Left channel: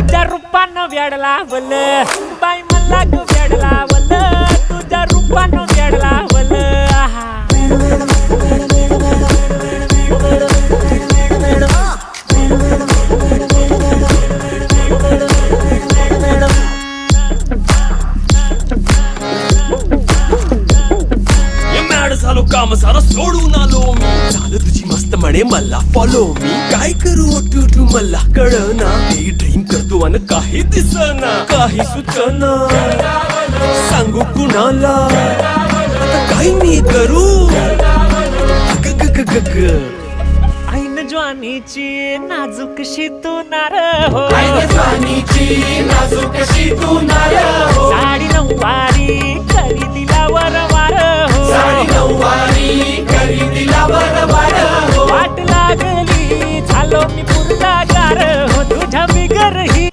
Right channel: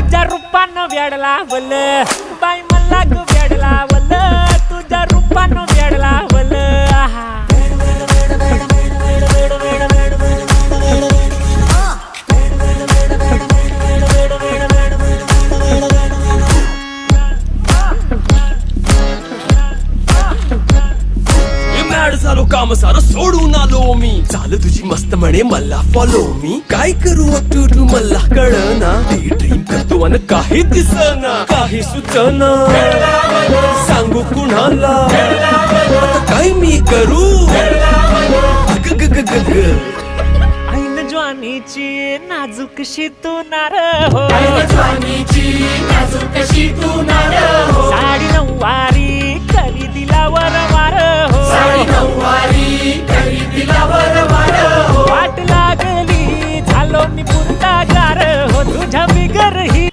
तुझ्या रूपानं वेड लावल बाई मला ग वेड लावल तुझ्या रूपानं वेड लावल आहा झालो काम सारं सोडून आलो मी चाल तुझी मस्त म्हणे मला फॉलो मी काय करू टू मला कळना ती ड्रीम करतो आणि काही दिसना काही सुचना सांगू कुणाला आता काय मी करू अग ग ग ग ग ऐन ज्वानीची नाजूकशी तू नार हो साडी नऊवारी करी दिला वरवार हो वाट लागली झालो मी पुरता गार हो तुझ्या बिगर ही